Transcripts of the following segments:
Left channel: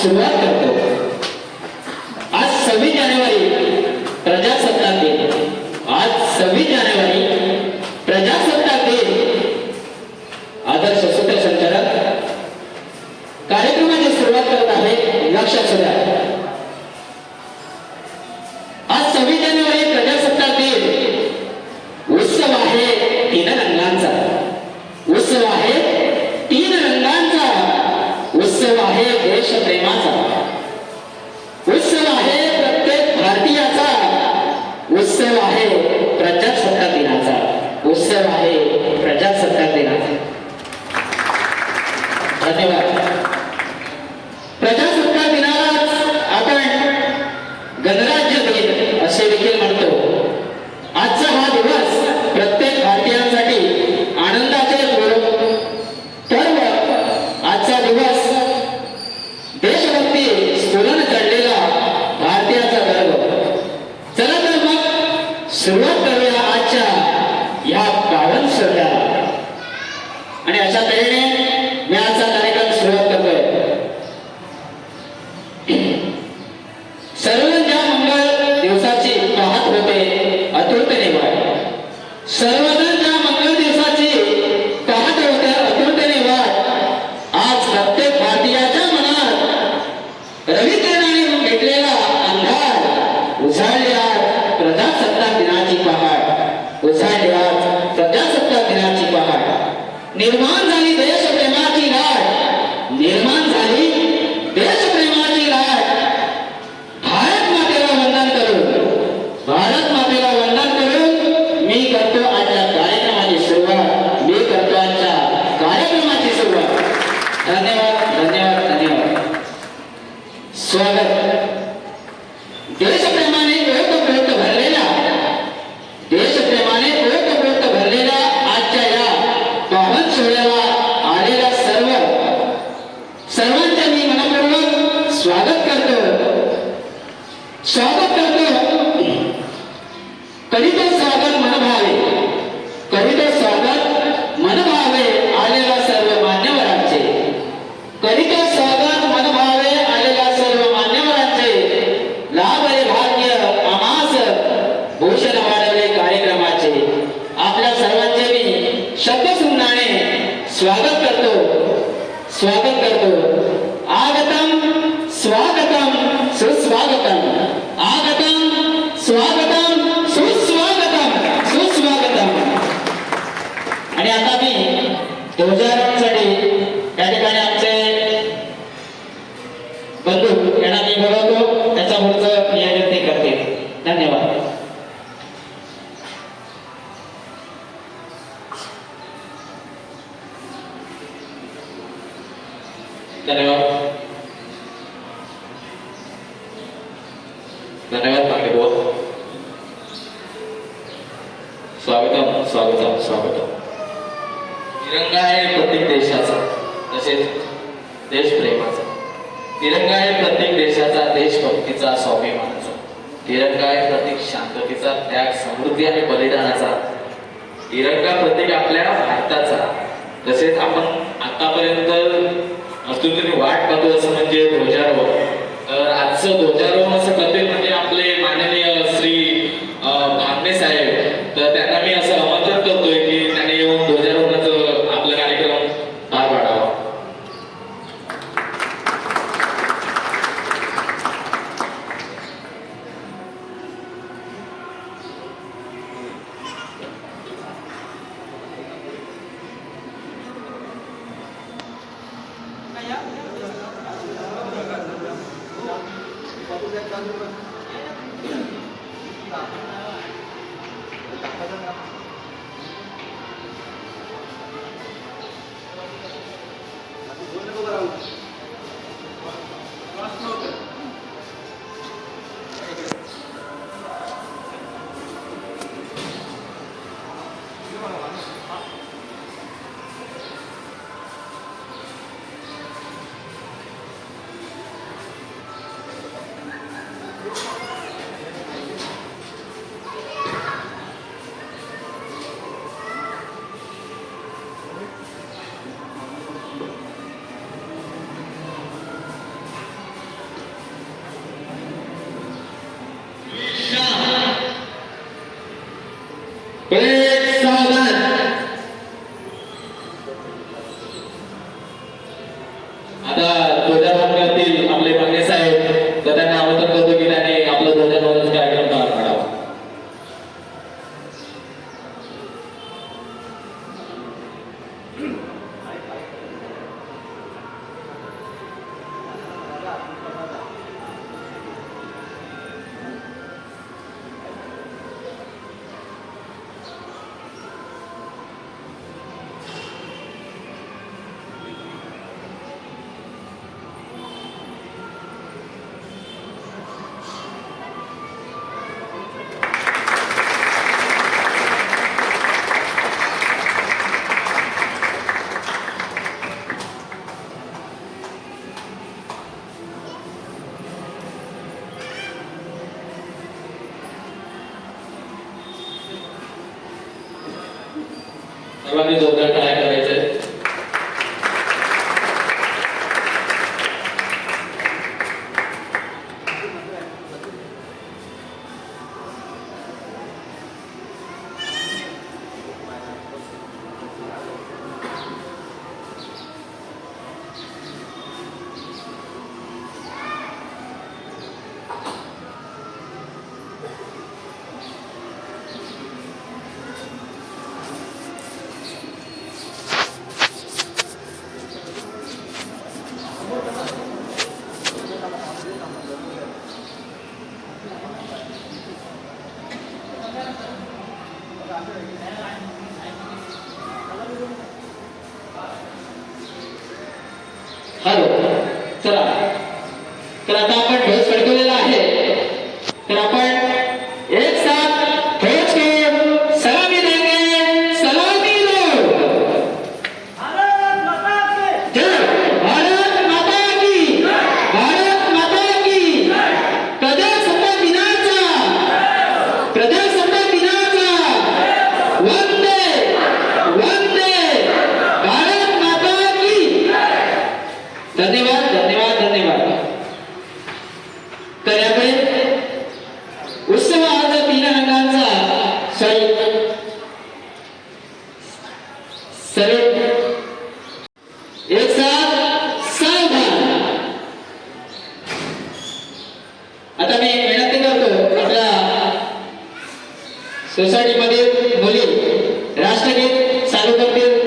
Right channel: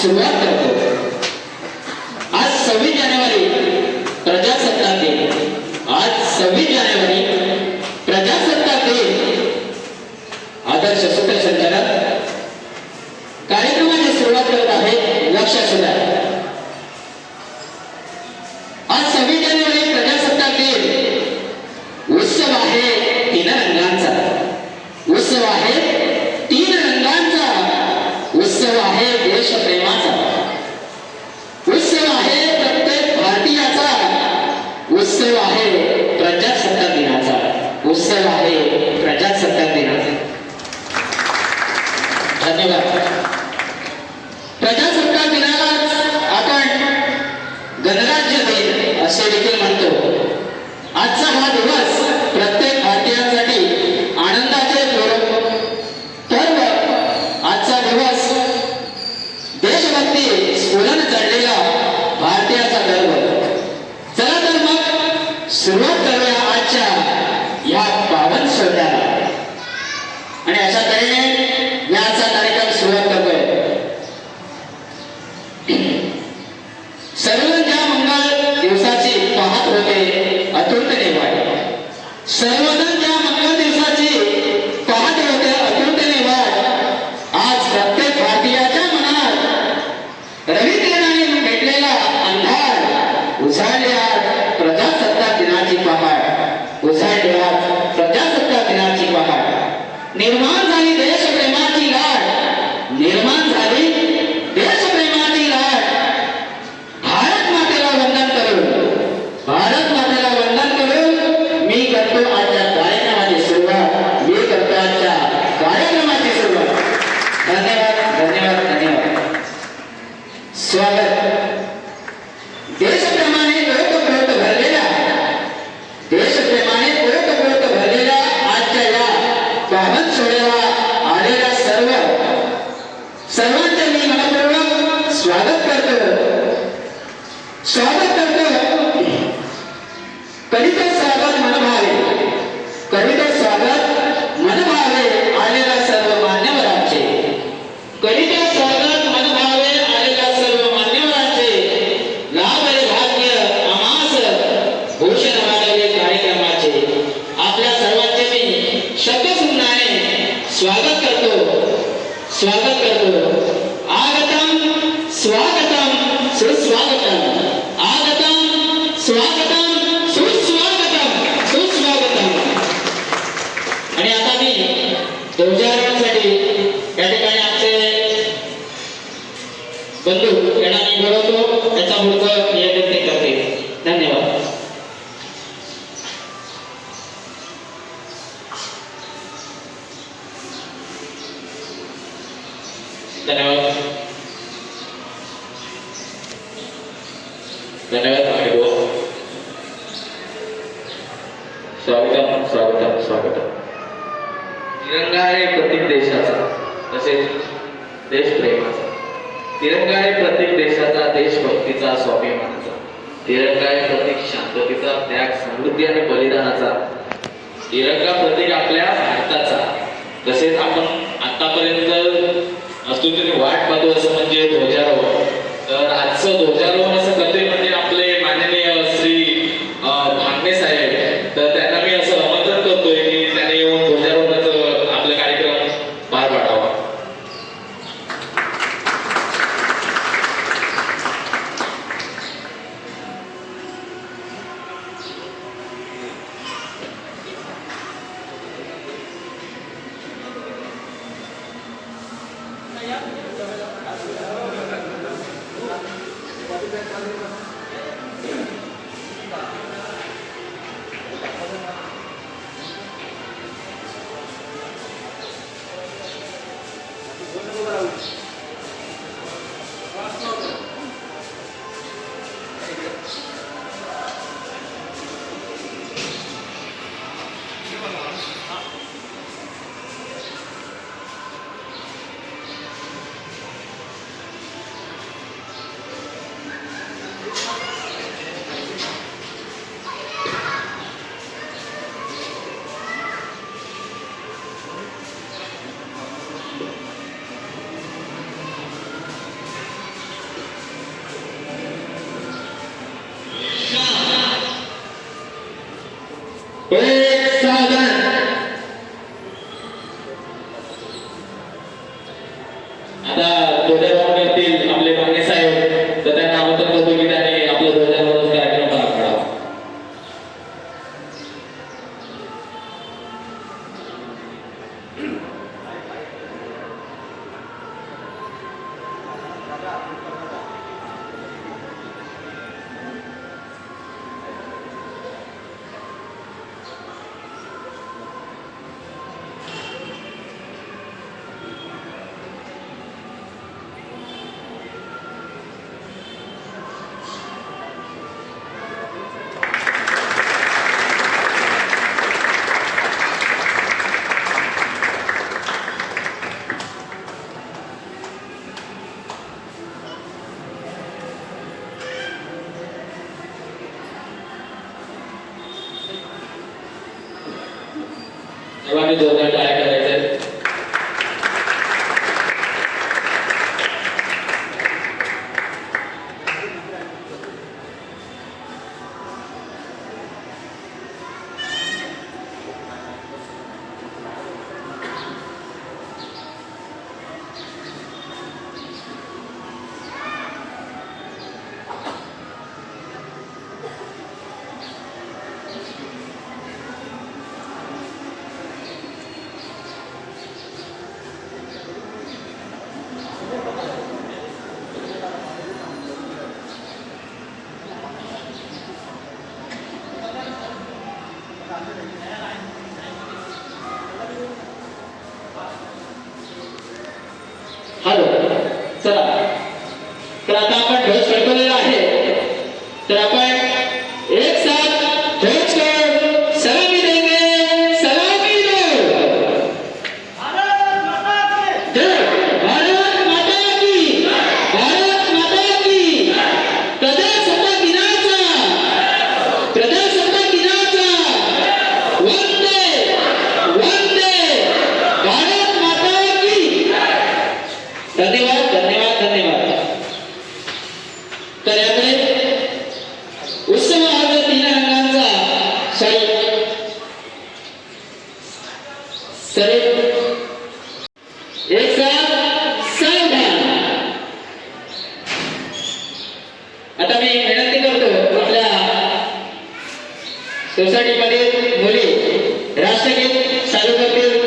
selected सुरुवात करूया आजच्या या बावन सोहळ्याला. आणि अशा तऱ्हेने मी आजचा कार्यक्रम सुरुवात करतोय सर्व ज्या मंगल दिवसाची पाहत होते अतुर्त निवाय सर्वजण ज्या मंगल दिवसाची पाहत होते अतुर्त निवाय आज प्रत्येक பெருமாள் धन्यवाद धन्यवाद मॅडम स्वागतम स्वागतम स्वागतम तिरंगा आहे प्रत्येक देशाचा तसेच देशप्रेमाचा तिरंगा आहे प्रत्येक देशाचा देशभक्तीचा स्वाभिमानाचा तिरंगा हे प्रत्येक शांततेचा त्याग समृद्धी आणि बलिदानाचा तिरंगा प्रत्येक आपल्या भारताचा. तसेच आपण आतापर्यंत वस्तू तुम्ही वाट पाहतो असं म्हणजे ध्वजारोहण. तर आजचं ध्वजारोहण असं करतोय म्हणजे सर्वांनी जोरदार टाळ्या हॅलो चला. तर आता आपण आता मी विनंती करतो आपल्या सोसायटीमध्ये मुली राष्ट्रगीत चालू करतील.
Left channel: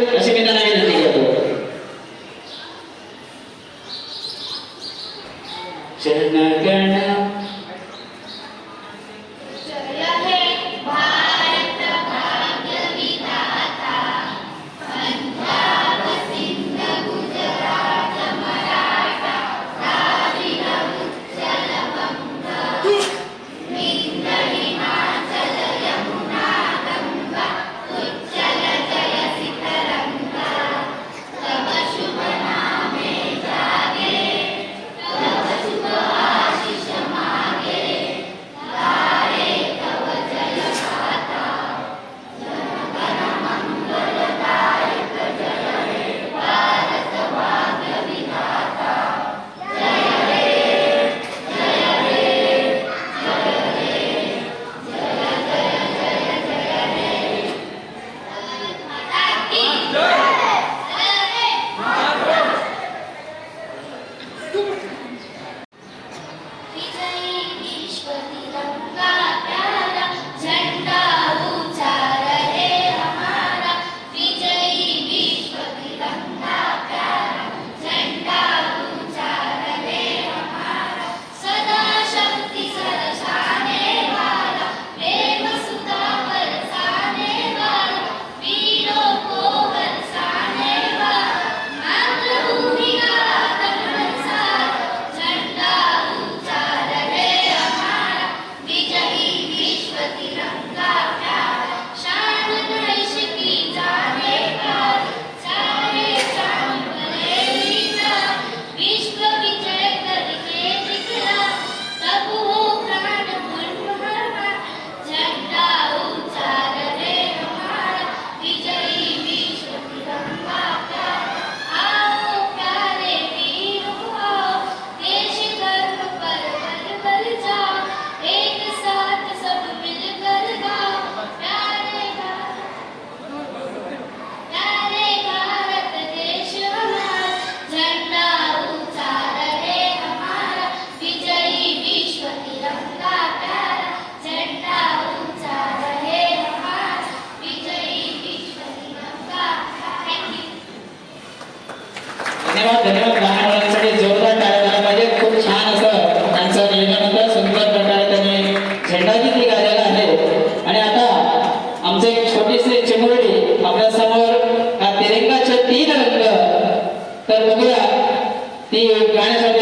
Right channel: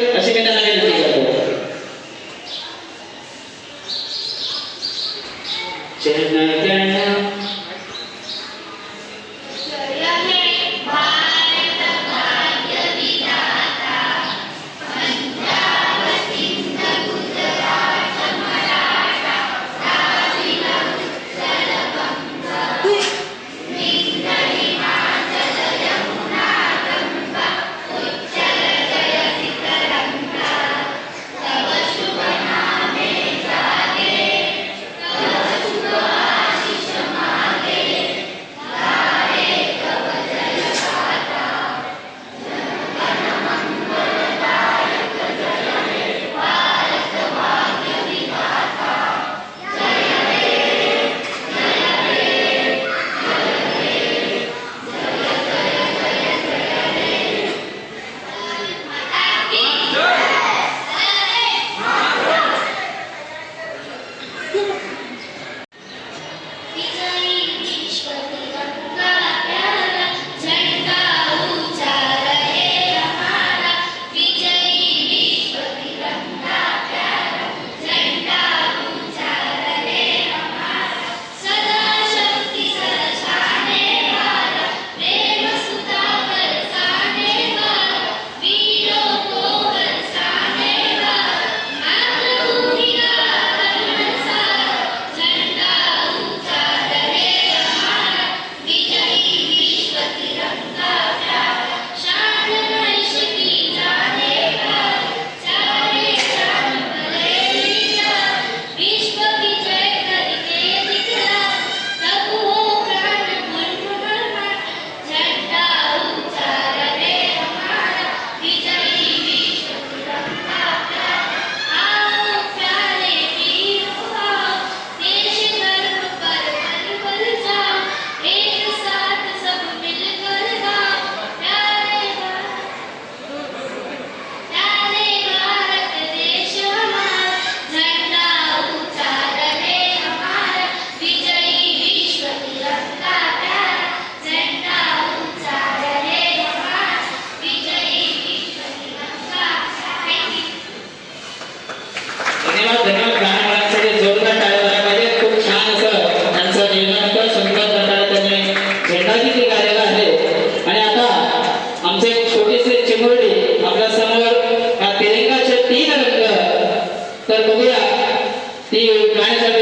tem o gás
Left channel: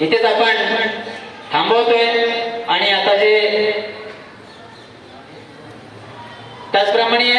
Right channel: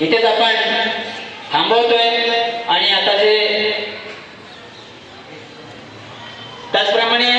इथेच आपण थांबवतोय आणि आता जे त्याचप्रमाणे